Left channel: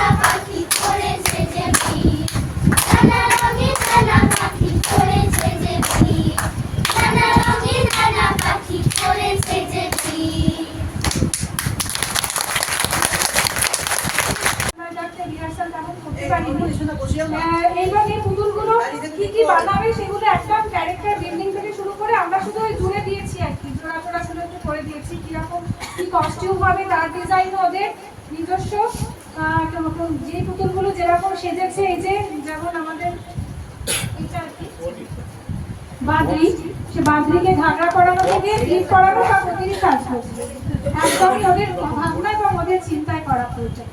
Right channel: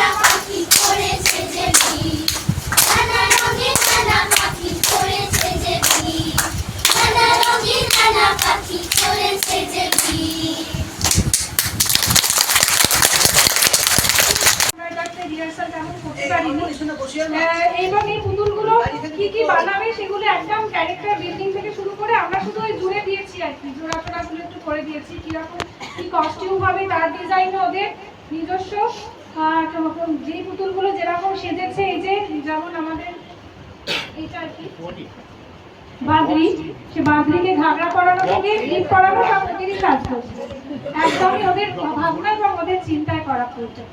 নানা পাখি করেছে যে ভিড়, নানা রঙের নানা পাখি করেছে যে ভিড়, নানা রঙের নানা পাখি করেছে যে ভিড়। এইবার এই পুতুলগুলো কি কি বানাবে সেগুলো একদম ক্যারেক্টার বিল্ডিং থেকে শুরু করে আমরা শুধু ওই জুড়ে দিয়েছি আর কি, জোড়াচোড়া গুলো একটু করে দিয়েছি কিরকম কি কস্টিউম হবে তার ডিজাইন ওদের নিজস্ব। যে পুতুলগুলো যেরকম সেজেছে, এই যে যেমন আমাদের এইটা আর কি বাদরি, সে বাদরিকে ঘাগড়া পরানো থেকে ক্লিপ করানো সব ওদেরই কাজ করছে, একদমই ওদের ভাবনা এবং ওদের চিন্তায় করা প্রয়োজন।